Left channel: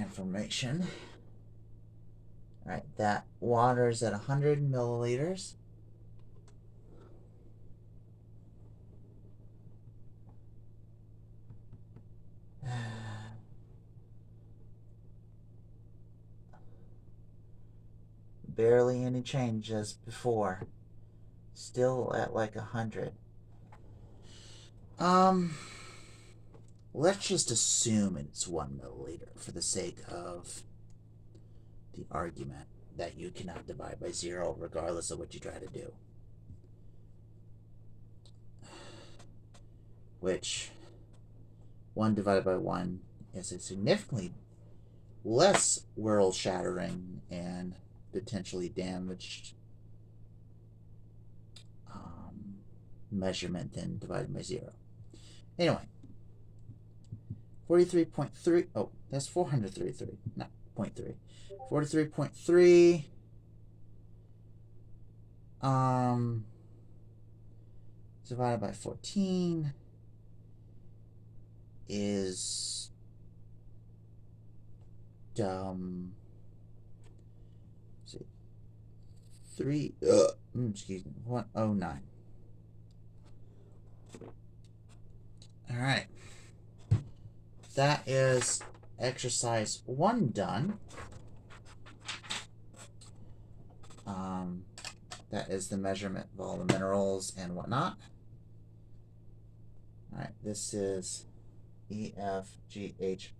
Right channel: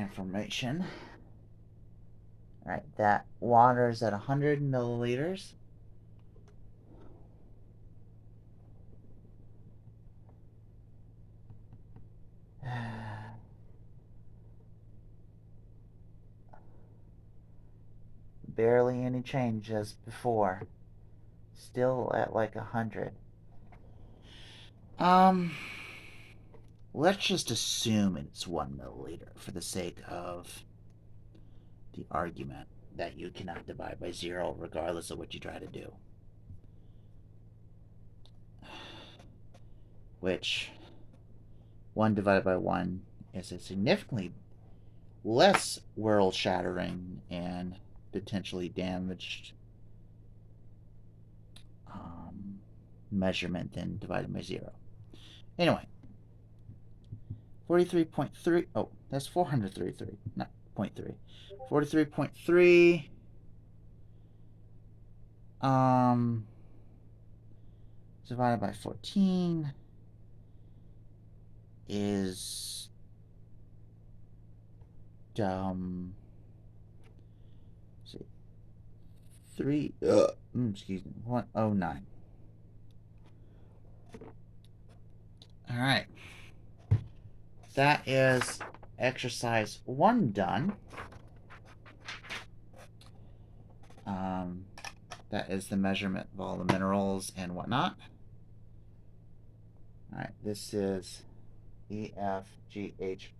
information. All right, that water is at 100 milliliters. Barely any change as before. Still at like 100. Um, let's just assume it's 1 milliliter for the sake of the argument that you cannot divide by 0 regardless of what you try to do. Which 1 divided by 1 is a significantly less world shattering and potentially damaged measurement than divided by 0. Anyway, 43.3. Oh, that's 433, not 0.3. 43.3 divided by 14 is see, 3 excuse me, 109. All right, that is exercise 1 done. That is the measurement of all the minerals and whatnot. All right, this is EFGHI,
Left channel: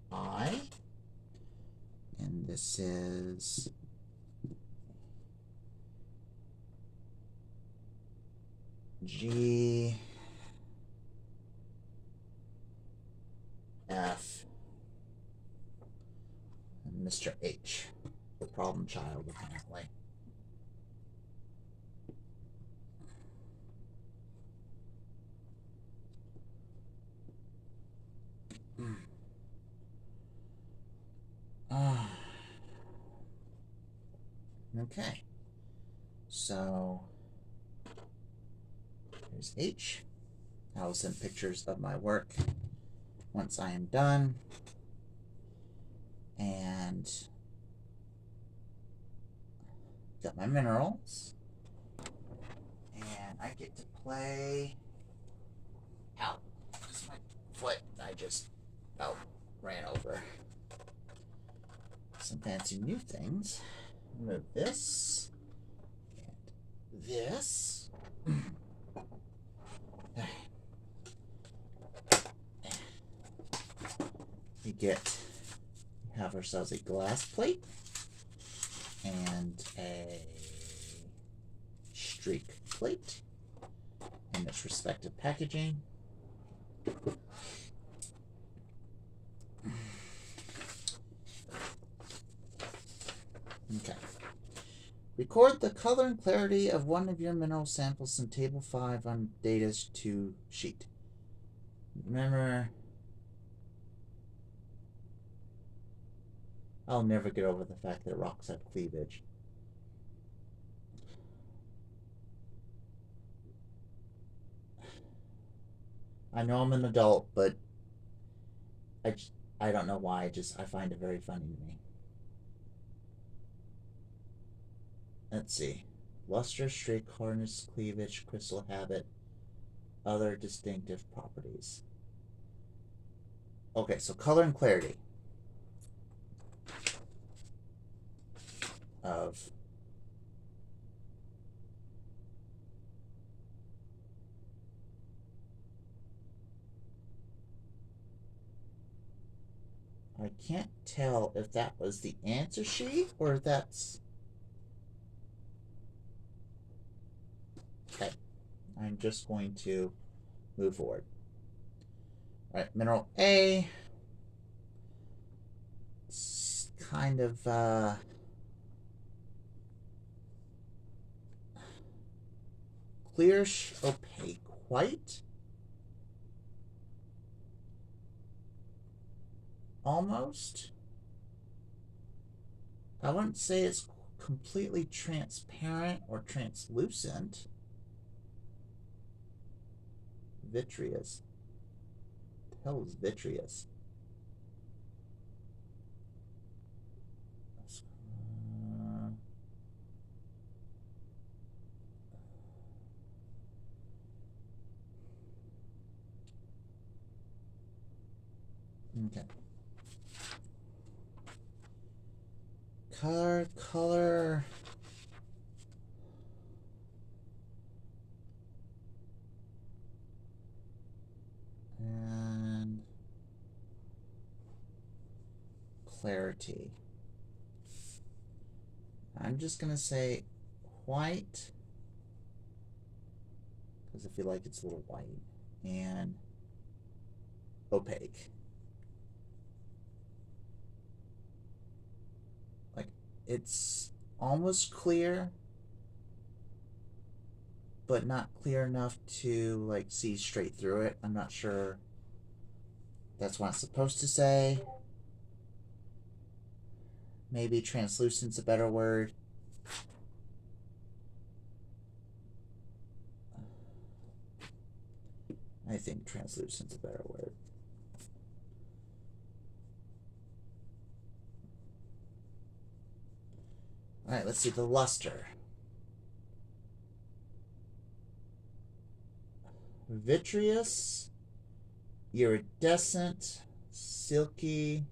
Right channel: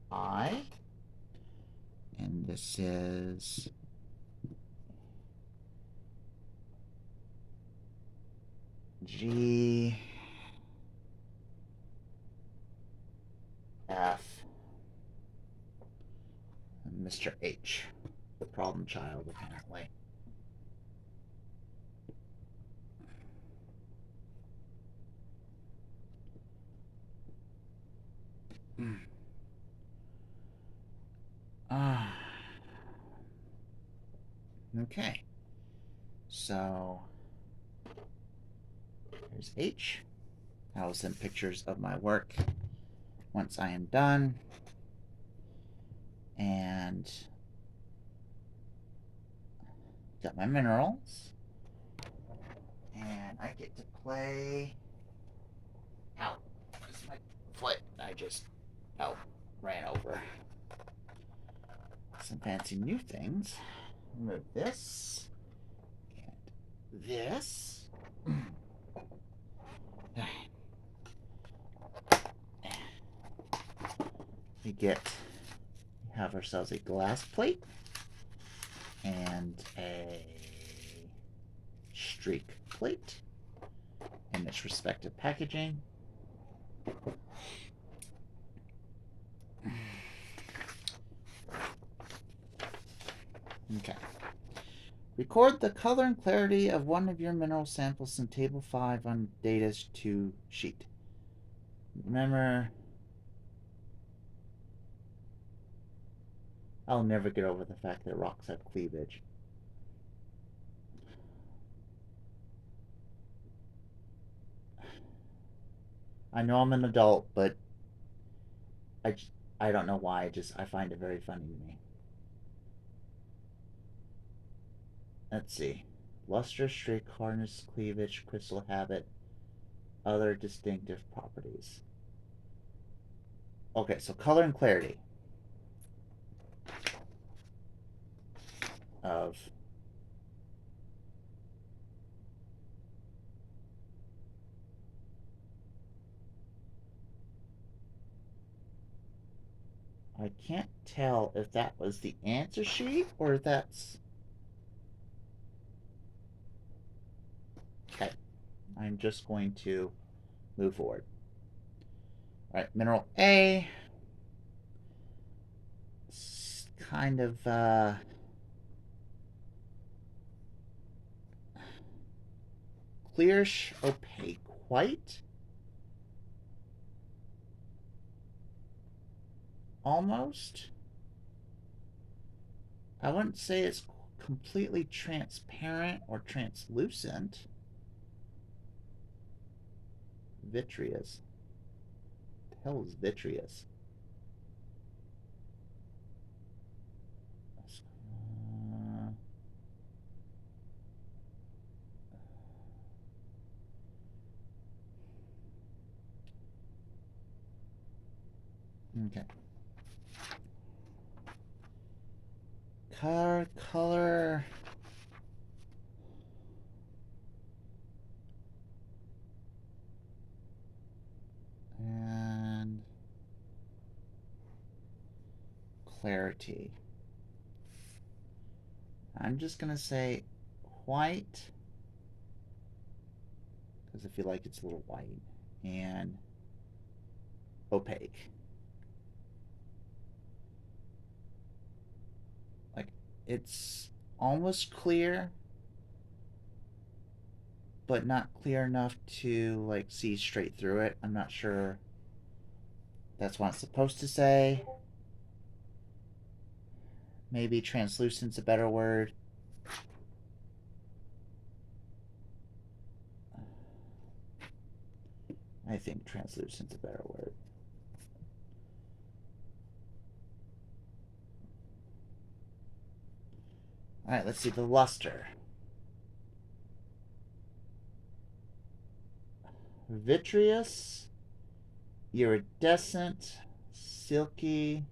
and this is GF, Mr. H, the problem child, apparently. Okay, so here's H. I will send pictures of my work once I am done. And got my minerals. And I get to play out. This is my foot. I just ran over some fancy new things. Move this and this. We have ourselves a glass plate and a streak plate in its respective packaging. Okay. Record the color and clarity of one of your mineral samples in Table 5 on Data's 2 sheet. Remember, I'll never get over the fact that rocks have cleavage. I know I'm an adult, but I don't know why. I find it very funny to me. Let's see. Luster, streak, hardness, cleavage, crystal habit, other distinctive properties. Okay, so color and clarity of I can't tell if that was the answer sheet or if that's... Okay. I'm just going to move forward. All right, mineral A. It's kind of clearish, opaque white. Almost. I wouldn't say it's completely transparent or translucent. Vitreous. What the hell is vitreous? Okay. Color. And clarity. I'm just gonna say white, because I feel like it's a little white, and opaque. Like, it's almost clear, but not clear enough to like see straight through it. I'm not sure that's what it's supposed to say. Maybe translucent's a better word. I think translucent's a better word. All right, let's see the luster. Vitreous, iridescent, silky.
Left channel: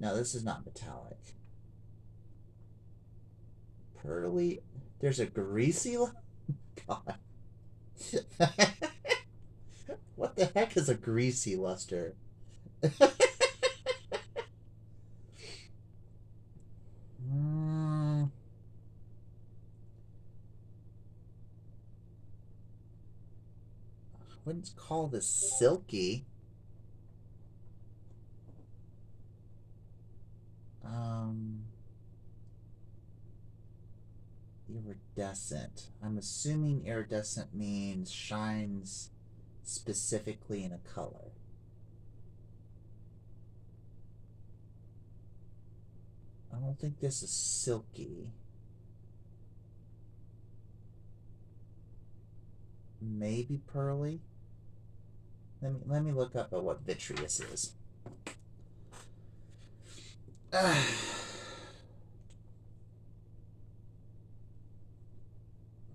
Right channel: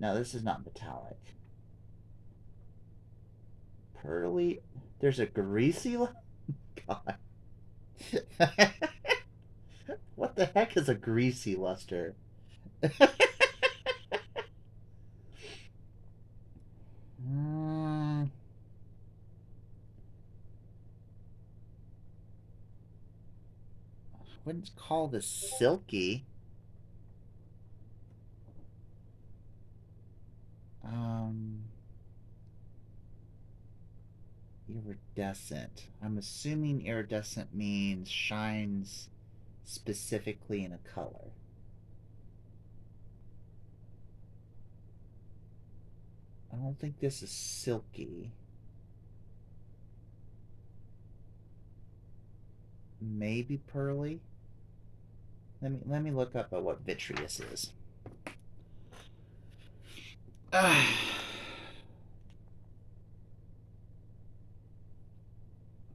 No, this is not metallic. Pearly. There's a greasy. God. What the heck is a greasy luster? Wouldn't call this silky. Iridescent. I'm assuming iridescent means shines specifically in a color. I don't think this is silky. Maybe pearly. Let me look up at what vitreous is. Let's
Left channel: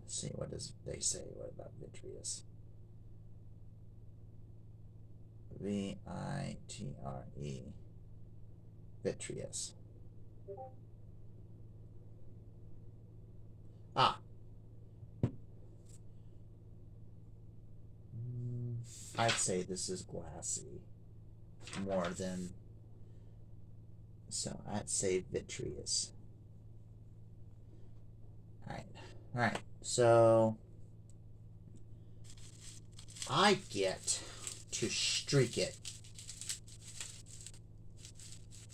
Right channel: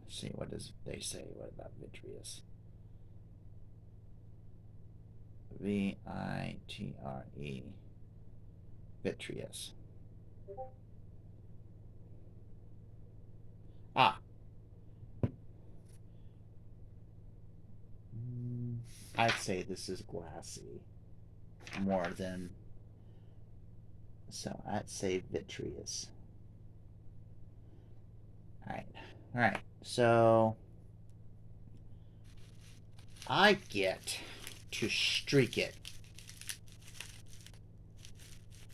see, what does they say? What about vitreous? V-I-T-R-E. Vitreous. Ah. I'd say this is glassy more than, so I'd say vitreous. All right, so I get to streak it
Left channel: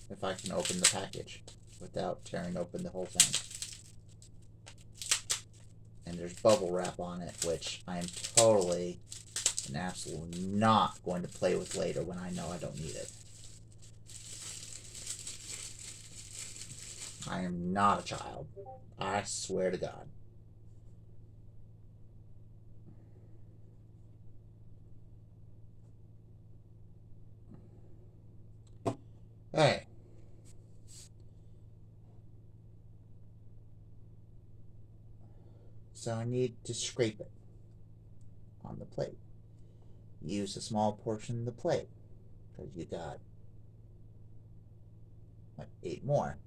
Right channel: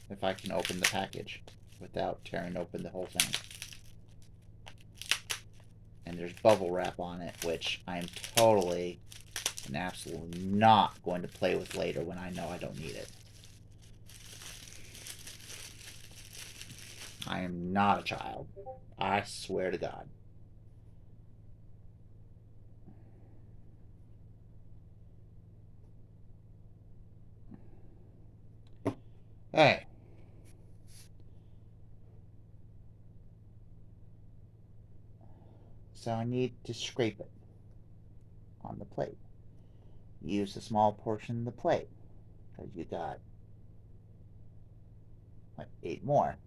if I can open the package without tearing open the whole thing. And there's bubble wrap on it, which I am totally and absolutely not going to play with later when I know I don't need it. I am not a child. I swear to God. Hey. So I need to scrape it on the plate. Use a small portion of the plate, because you got like 8 more.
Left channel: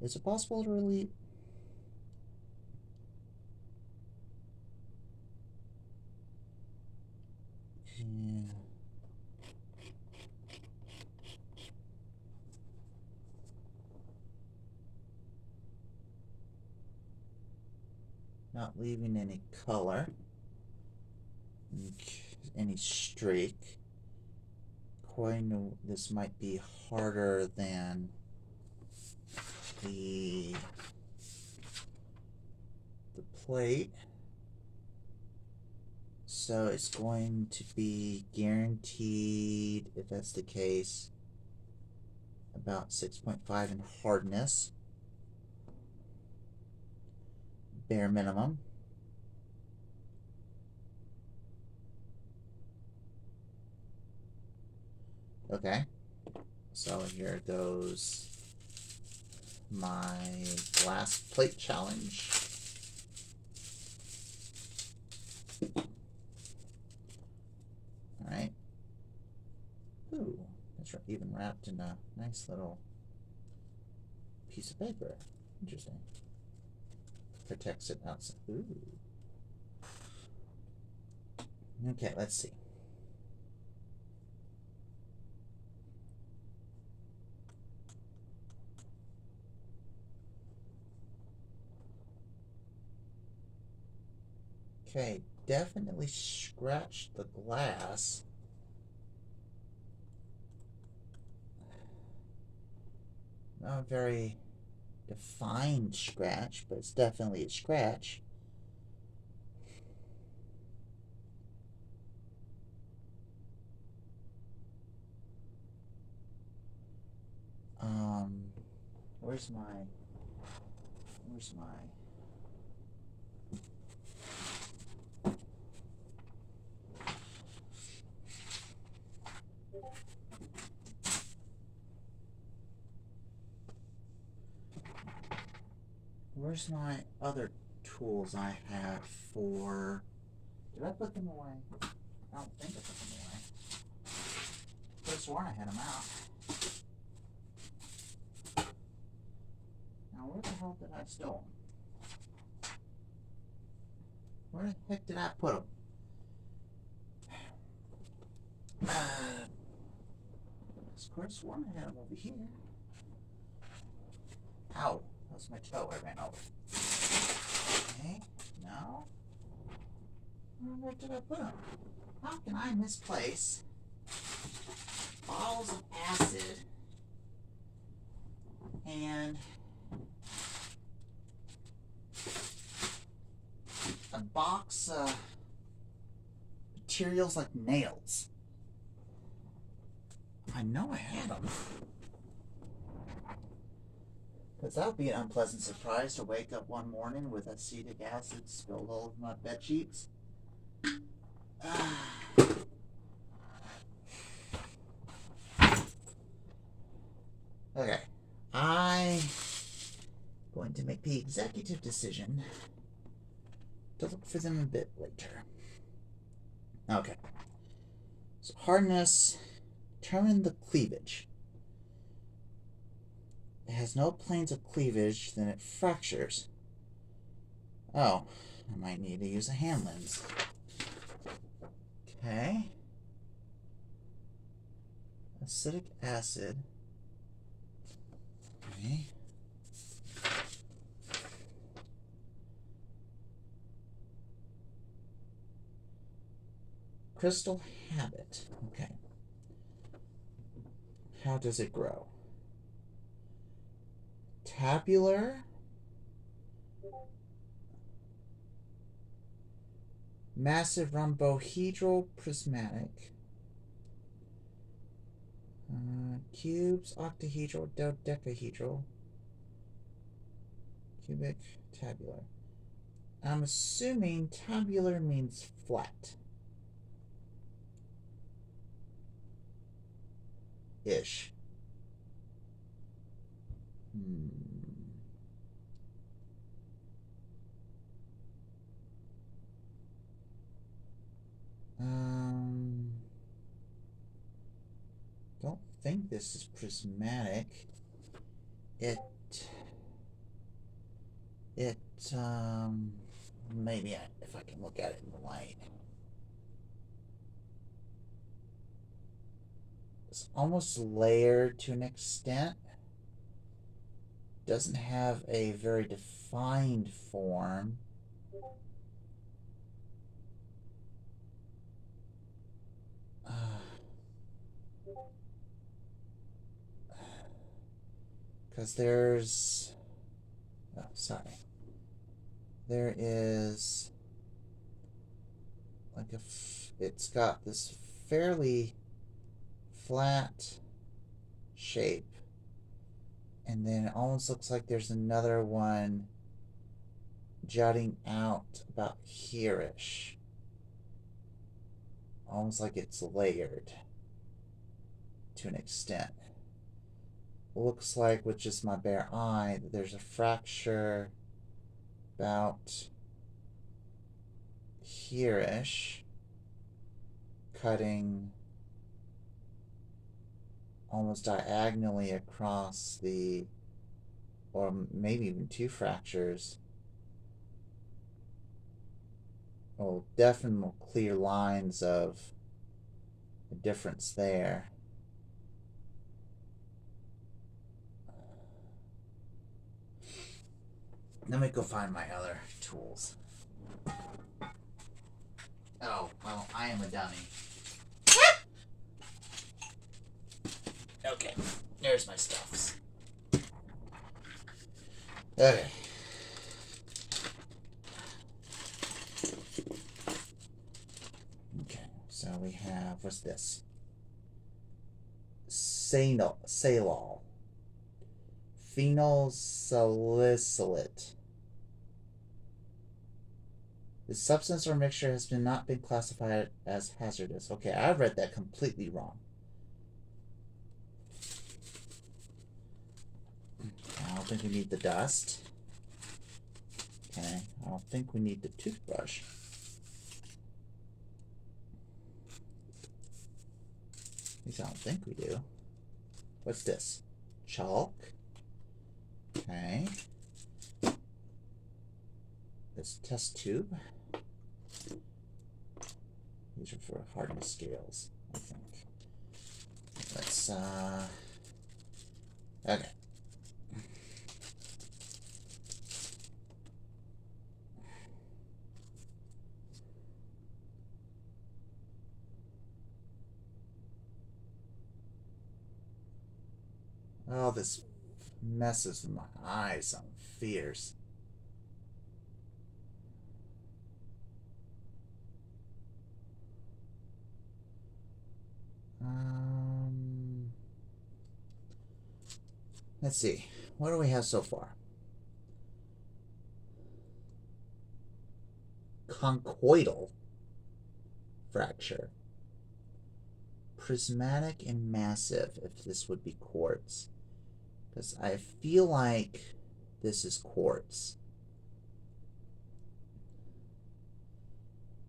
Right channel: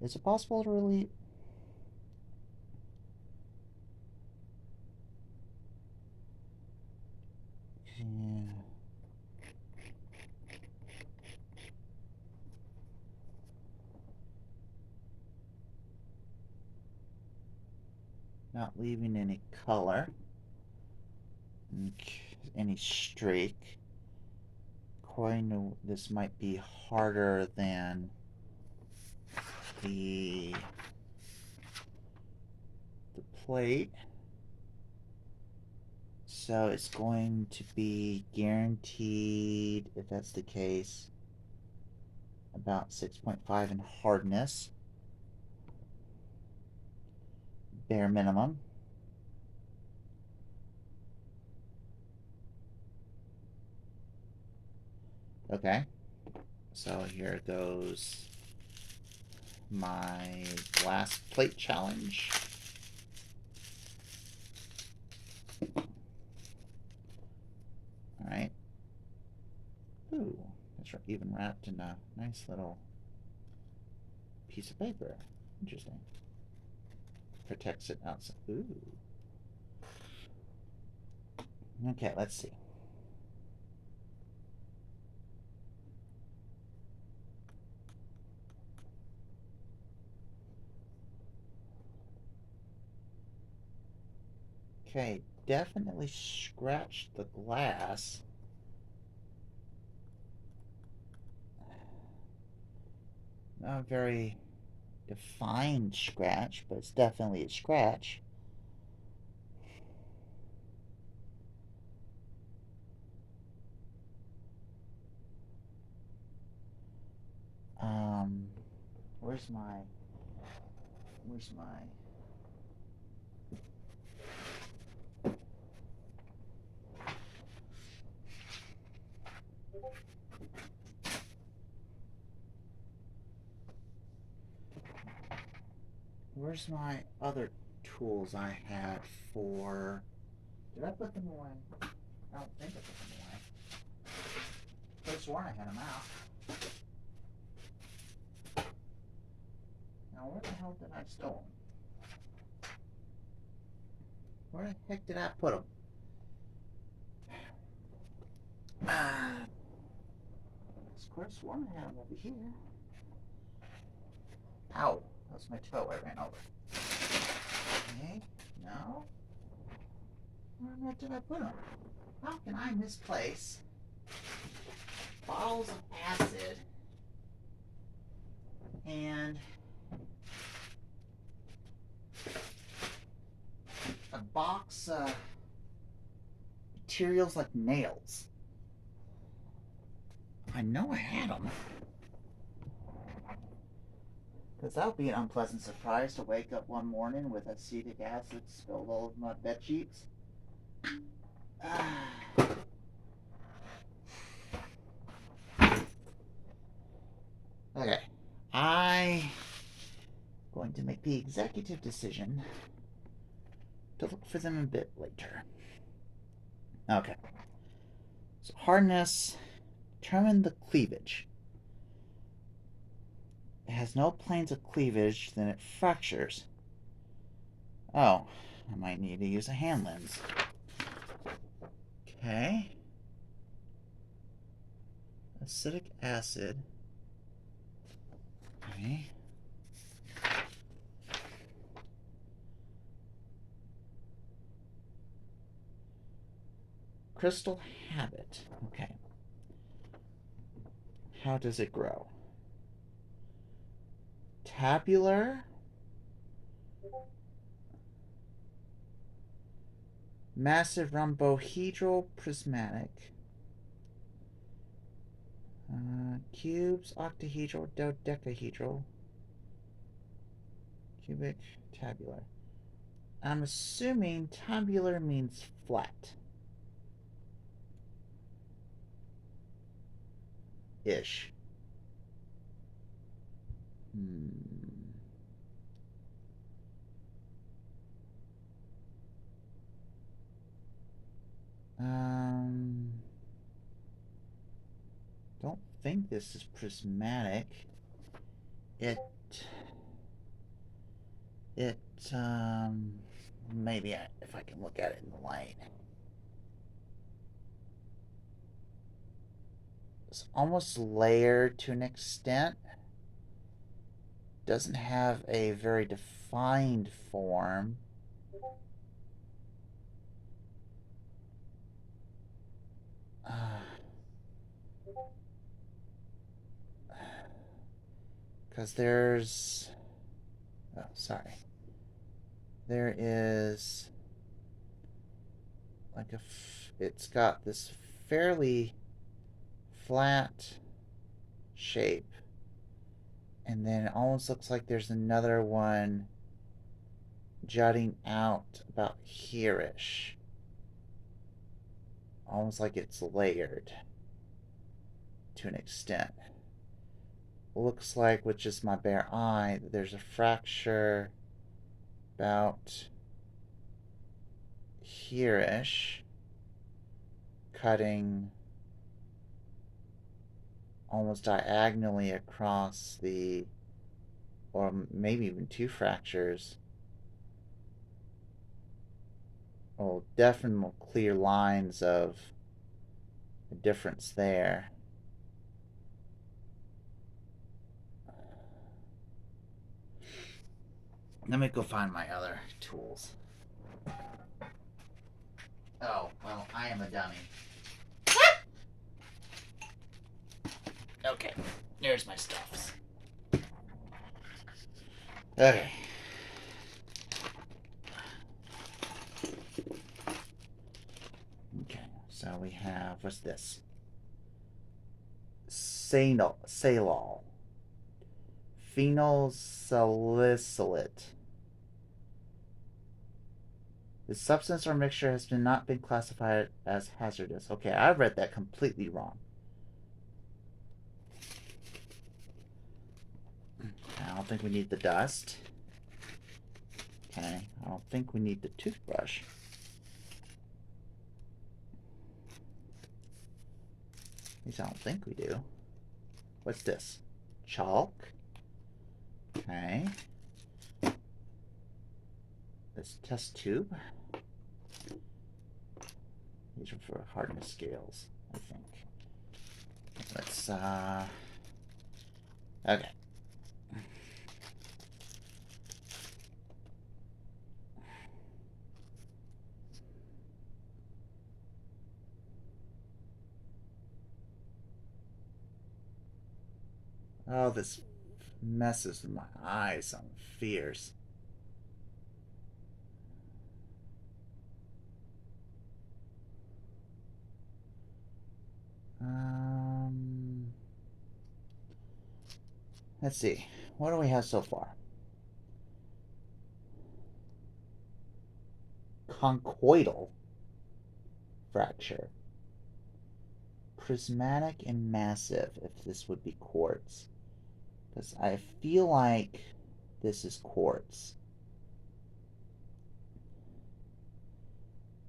Is it possible to really... Not leaving any color, any streak. According to this, might be harder than the plate, so it's going to be guaranteed, if that's the case, about 6.5 in hardness, bare minimum. Okay, so here goes my glass plate challenge. Alright. Ooh, it's even wrapped in a nice little piece of paper. Interesting. Protects it outside. Ooh. Okay, let's see. Okay, definitely scratched the glass. Not a very defined scratch, but it's definitely a scratch. Where's my where's my other tools I had for... Did I put them away? I don't think I put them away. I could have sworn I had them out. Now where the hell did I store them? Where the heck did I put them? I could have sworn I had them over here. Ow. That's my toe I ran over. Okay, no. Where did I put them? How can I misplace bottles of acid and a box of materials like nails? I know I had them. Because that would be an unpleasant surprise to wake up one morning with acetic acid spilled all over my bed sheets. Okay. I'm going to make the executive decision to look for them a bit later. Okay. So hardness, determine the cleavage. It has no planes of cleavage, then it fractures. Oh, I might need to use a hand lens. Okay. Acetic acid. Okay. Crystal habit. Okay. How does it grow? Tabular. Massive rhombohedral prismatic. Cubes, octahedral, dodecahedral. Cubic, tabular. I'm assuming tabular means flat. Ish. Don't think this is prismatic. Maybe if I can look at it in the light. It's almost layered to an extent. Doesn't have a very defined form. Because there's... Oh, sorry. There is... like it's got this fairly flat shape. And then it almost looks like there's another one jutting out about here-ish. Almost like it's layered to an extent. looks like with just my bare eye that there's a fracture about here-ish, cutting almost diagonally across the, or maybe even two fractures. Oh, definitely clear lines of a difference there. Let me go find my other tools. Oh, well, I am a dummy. Okay, there's my stuffs. Okay. Okay, so we have, what's this? Salol. Phenyl salicylate. The substance or mixture has not been classified as hazardous. Okay, I read that completely wrong. I don't think we need the dust. Okay, I don't think we need the toothbrush. At least I don't think we do. What's this? Chalk. Okay. This test tube. These are for hardness scales, I think. Let's, okay. Oh, this messes with my eyes. I'm fierce. Let's see. What do we have so far? Conchoidal fracture. Prismatic and massive, if this would be quartz. Because I feel like this is quartz.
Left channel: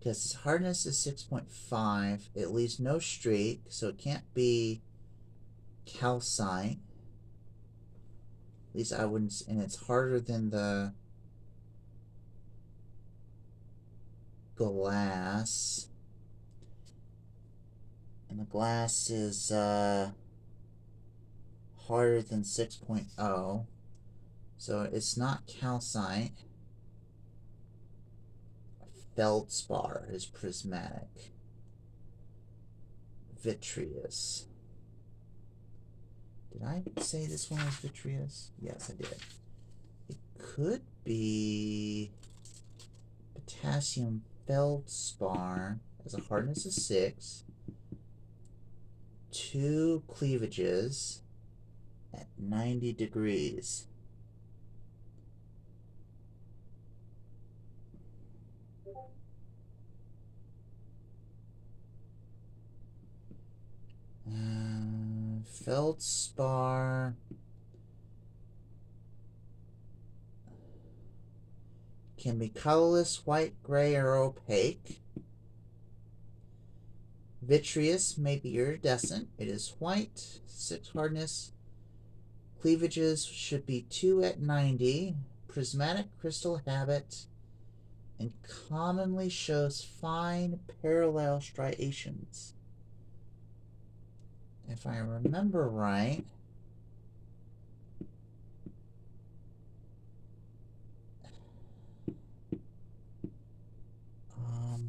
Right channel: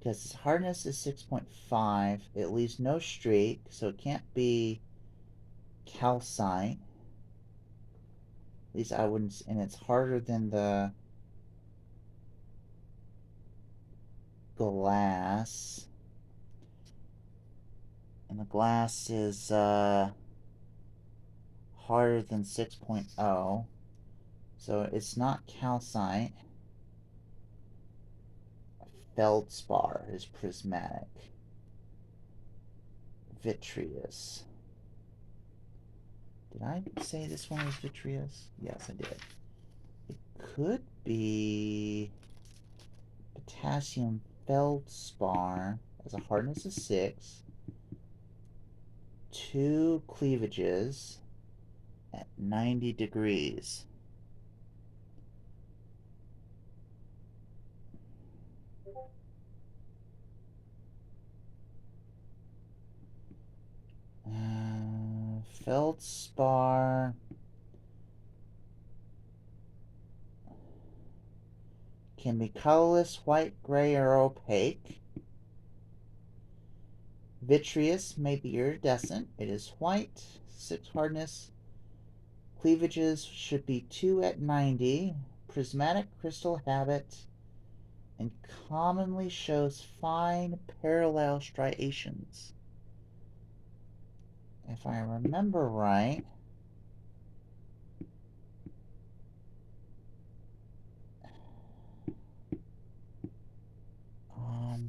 Because its hardness is 6.5. It leaves no streak, so it can't be calcite. At least I wouldn't, and it's harder than the glass. And the glass is harder than 6.0. So it's not calcite. Feldspar is prismatic. Vitreous. Did I say this one was vitreous? Yes, I did. It could be potassium feldspar as a hardness of 6. 2 cleavages at 90 degrees. Feldspar can be colorless, white, gray, or opaque. Vitreous may be iridescent. It is white, 6 hardness. Cleavages should be 2 at 90. Prismatic crystal habit and commonly shows fine parallel striations. If I remember right,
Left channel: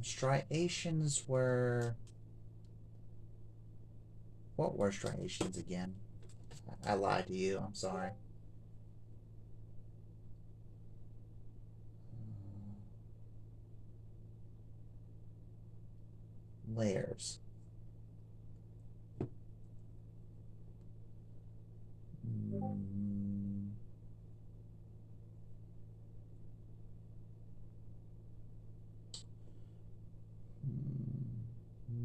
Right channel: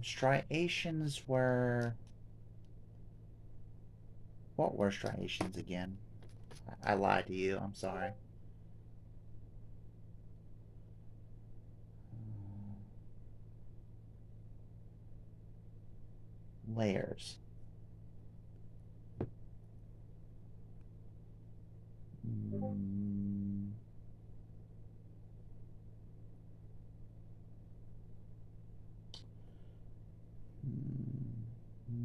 striations were... What were striations again? I lied to you. I'm sorry. Layers.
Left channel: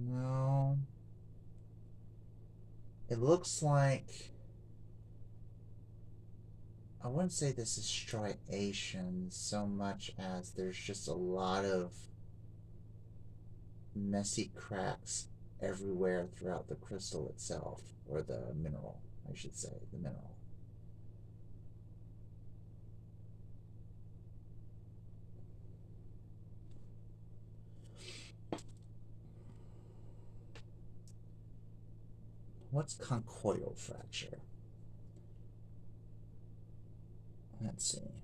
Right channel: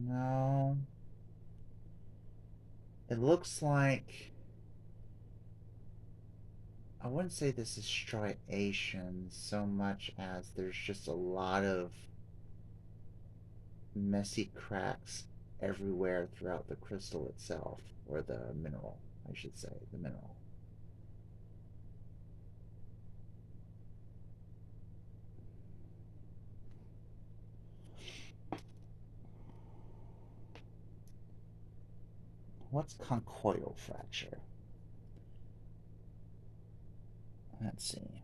No. It looks like I wouldn't say this is striation so much as there's just a lot of messy cracks everywhere throughout the crystal itself, or the mineral, I should say, the mineral. What's conchoidal fracture? Let's see.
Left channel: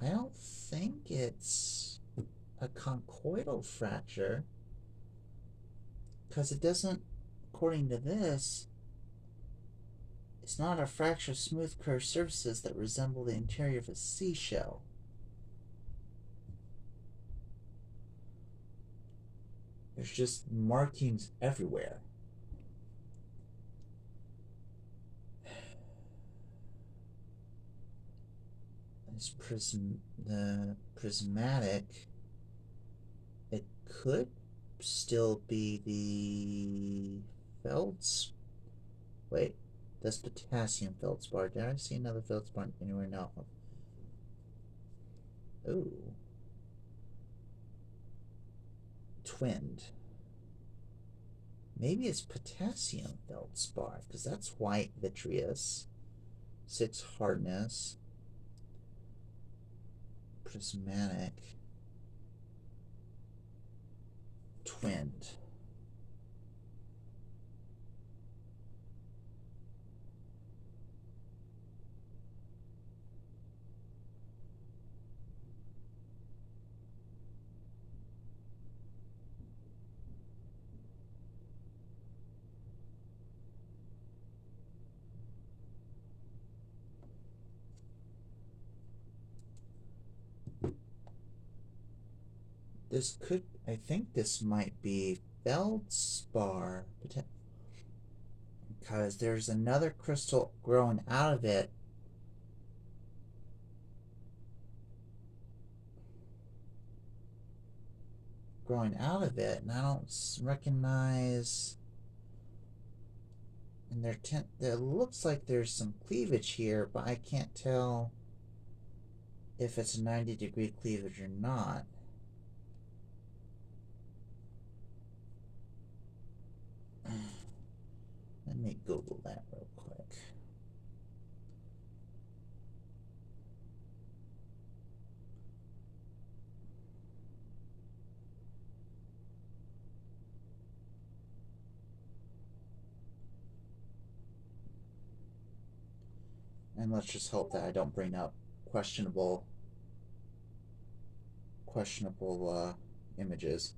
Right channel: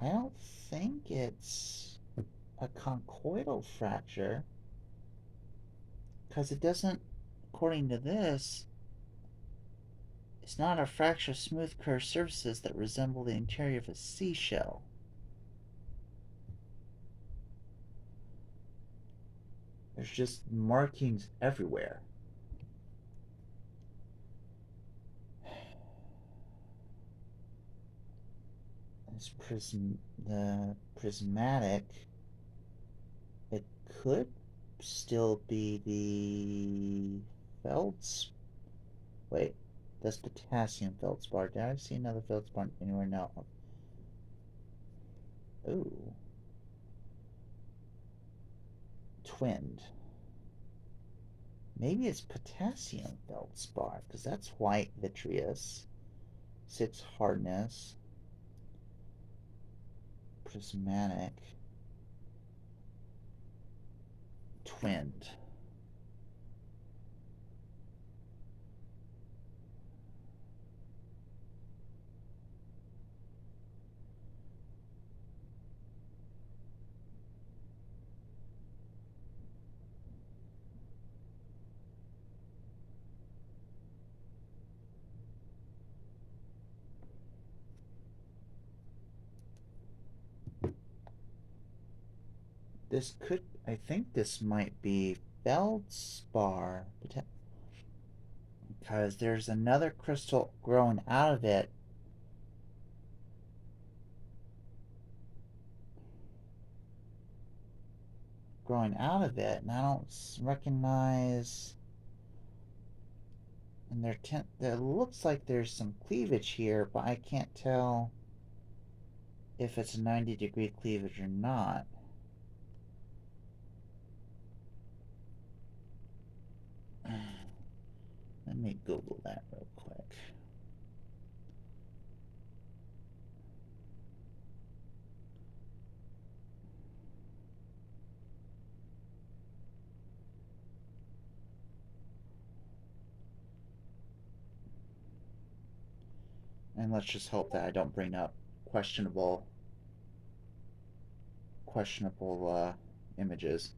I don't think it's a conchoidal fracture, because it doesn't, according to this, it's not a fracture of smooth curved surfaces that resemble the interior of a seashell. There's just markings everywhere. The prismatic, it could still be the Feldspar. Wait, that's potassium feldspar. Did I see another feldspar anywhere? No. Ooh. Twinned. Maybe it's potassium feldspar, because that's white vitreous. 6 hardness. Prismatic. Twinned. This could, I think this might be feldspar, because there's another crystal growing out of it. And I don't recognize. And there looks like there's some cleavage here, but I can't tell if it's a 90-degree cleavage or not. Let me Google that real quick. And let's just hope that I don't bring up questionable images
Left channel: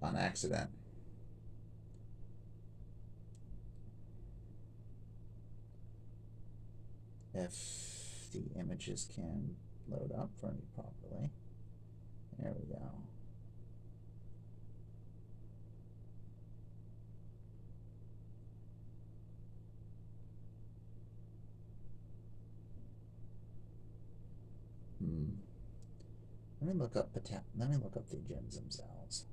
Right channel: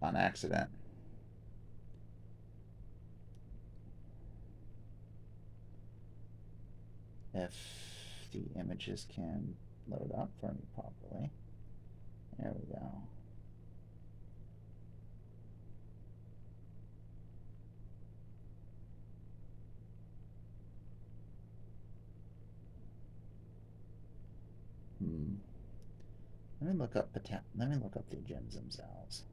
on accident. If the images can load up for me properly. There we go. Let me look up the gems themselves.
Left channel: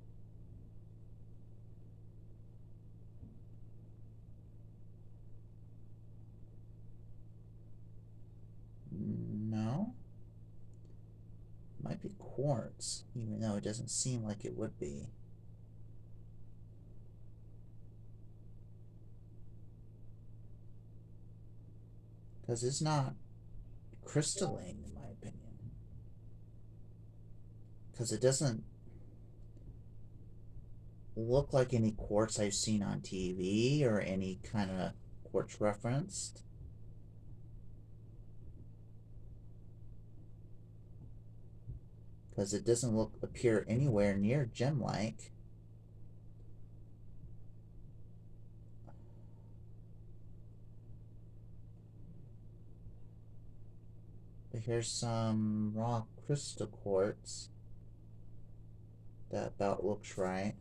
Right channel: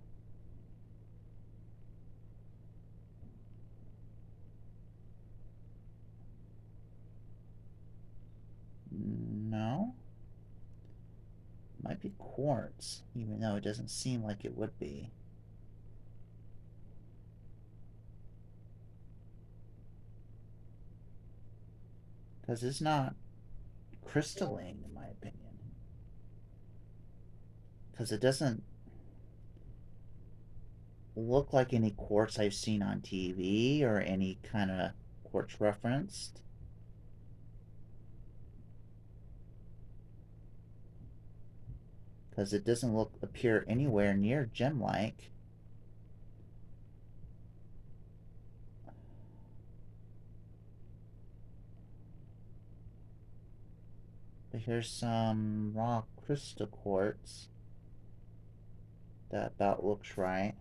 No. Might be quartz, even though it doesn't seem like it would be. Because it's not crystalline, in my opinion. Because it doesn't look like any quartz I've seen on TV or any kind of quartz referenced. Because it doesn't appear anywhere near gem-like. But here's some raw crystal quartz. That about looks right.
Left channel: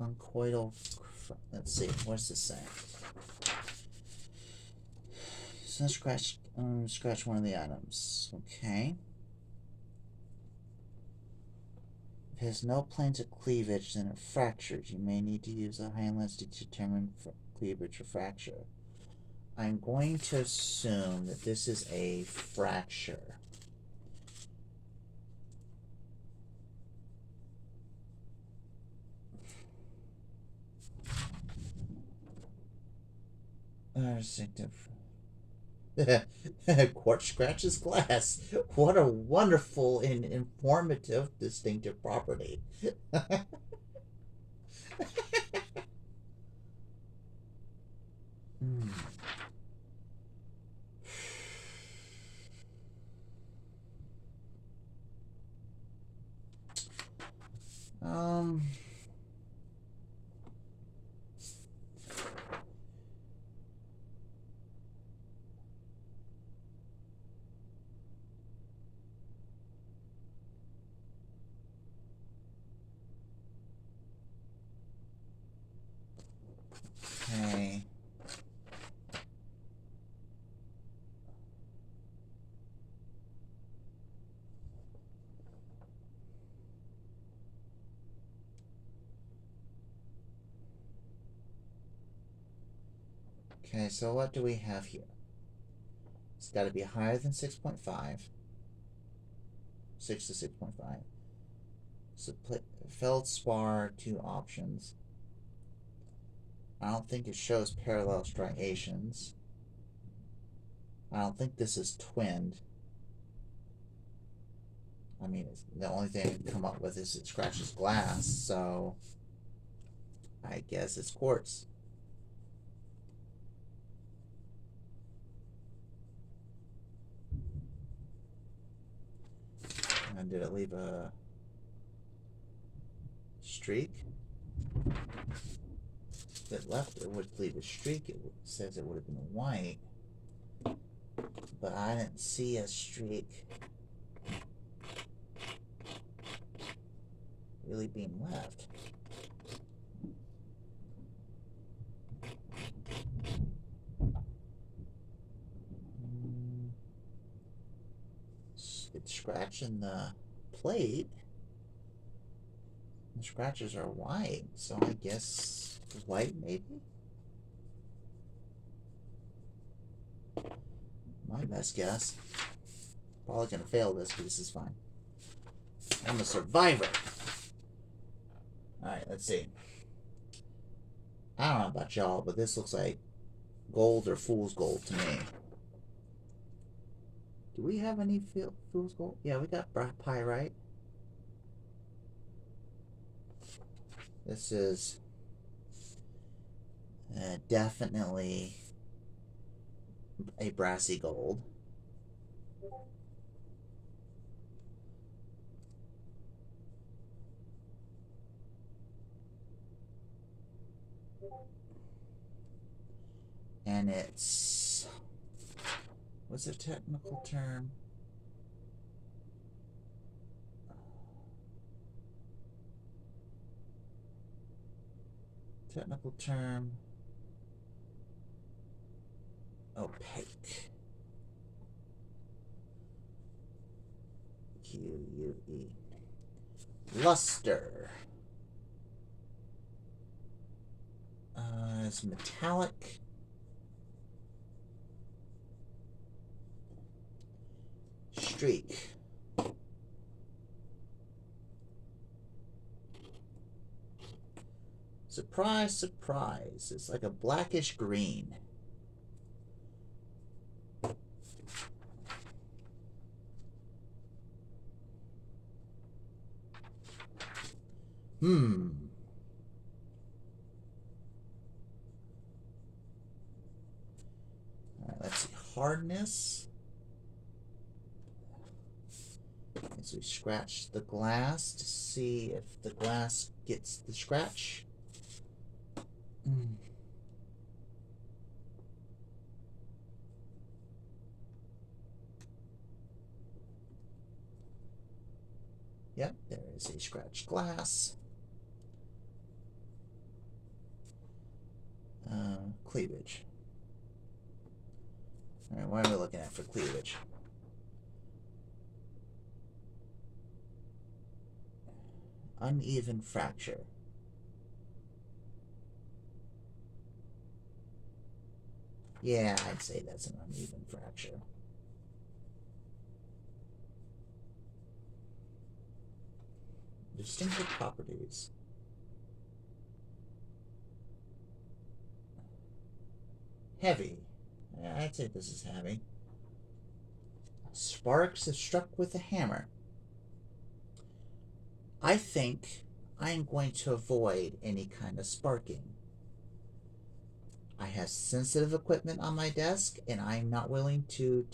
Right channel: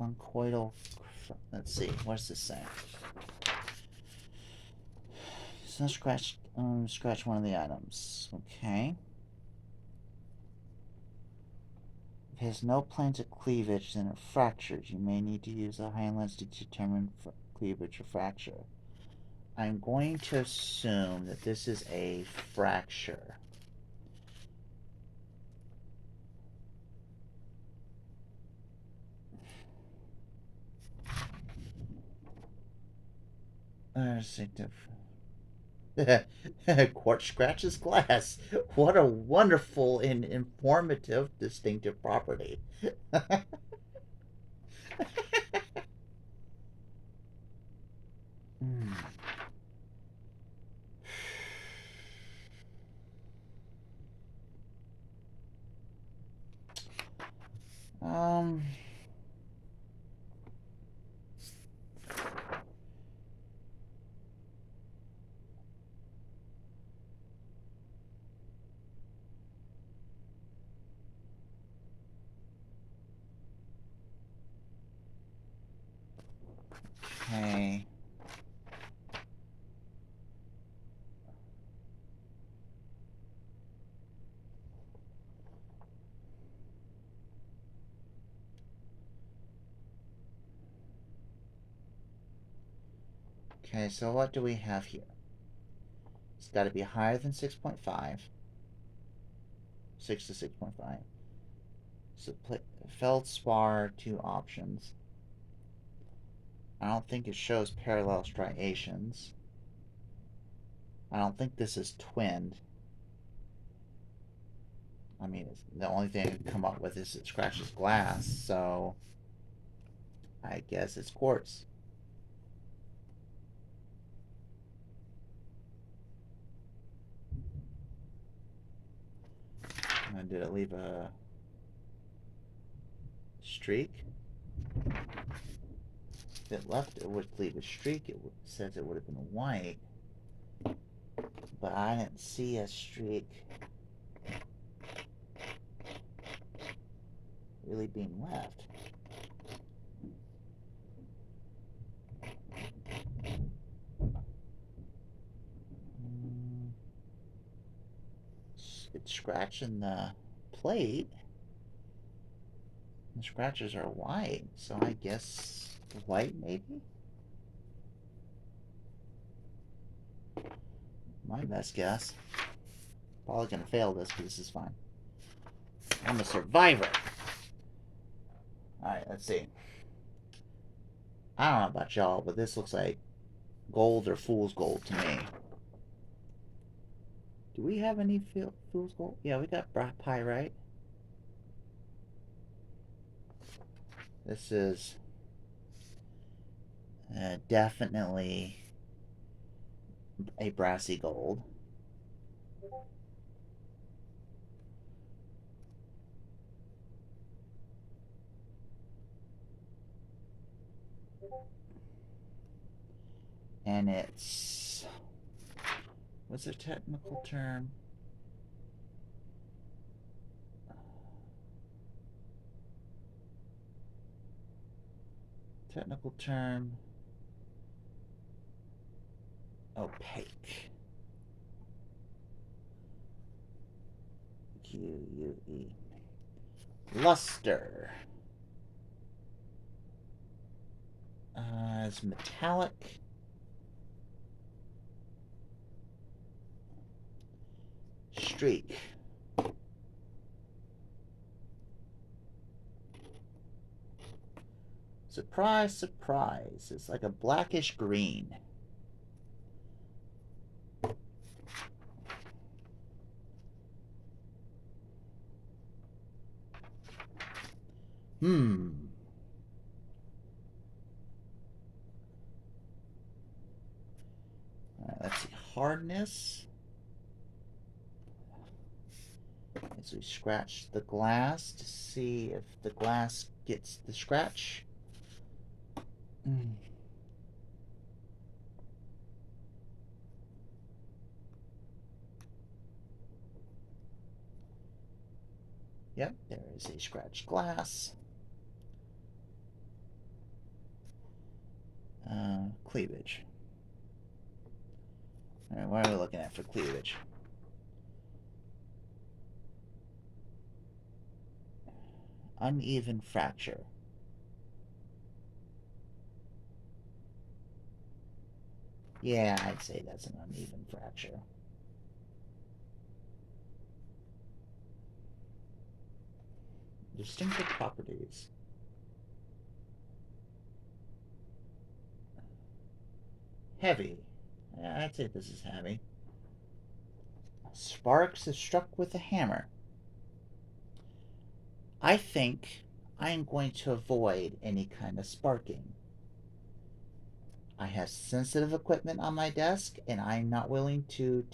Conchoidal. Let's see. What does this say? So scratch one of the items. Okay. If it has no planes of cleavage, then it fractures. You may need to use a high lens to determine cleavage or fracture. I'm going to assume that this is a fracture. Quartz scratches glass. What a wonderful and informative distinctive property. Hmm. Um. Okay. Okay, so what do we have here? It's got to be higher than 6.5. 6 to 6.5. So feldspar, 2 options. I don't think it shows parallel striations. I don't think this is twinned. I mean, the only thing I can come up with is it scratches glass, so I guess it's quartz. And did it leave a streak? If it left, it would leave a streak. It says it would have been white, but I didn't see a streak really being left. It's scratching the plate. The scratches are white, so I guess white maybe? My best guess. Probably gonna fail this, but this is fine. I'm a survivor. Alright, let's see. I don't know about y'all, but this looks like gold or fool's gold to me. Do we have any fool's gold? Yeah, we got pyrite. This is definitely a brassy gold. And it's, what's the technical term? Technical term, opaque. QUE. Luster. It's metallic. Streak. Surprise, surprise. It's like a blackish green. Alright, let's see. Hardness. As we scratch the glass to see if the glass gets the scratch. Yep, there is a scratched glass. Cleavage. Alright, what are we looking at for cleavage? Uneven fracture. Yeah, I'd say that's an uneven fracture. Distinctive properties. Heavy. Yeah, I'd say this is heavy. Sparks if struck with a hammer. I think I'm going to avoid any kind of sparking. I have sensitive equipment on my desk, and I'm not willing to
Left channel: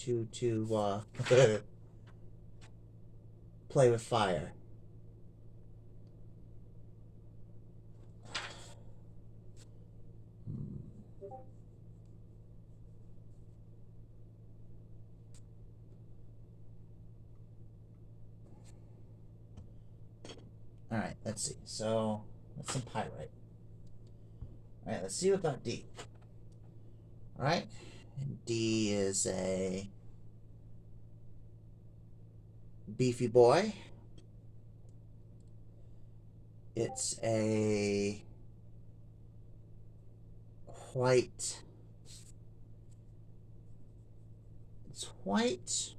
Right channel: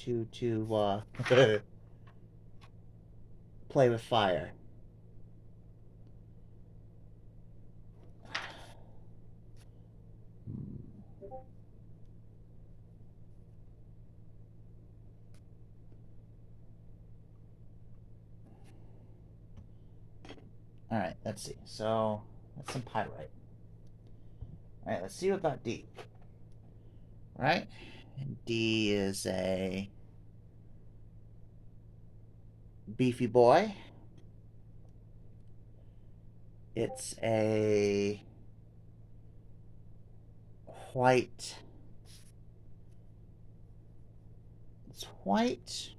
play with fire. Alright, let's see. So, that's some pyrite. Alright, let's see about D. Alright, and D is a beefy boy. It's a white. It's white.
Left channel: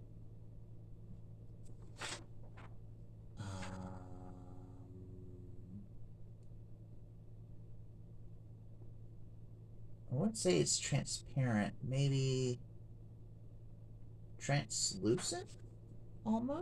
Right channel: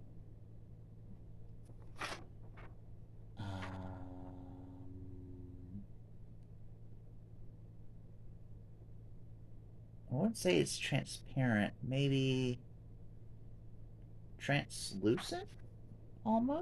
I wouldn't say it's transparent. Maybe translucent, almost.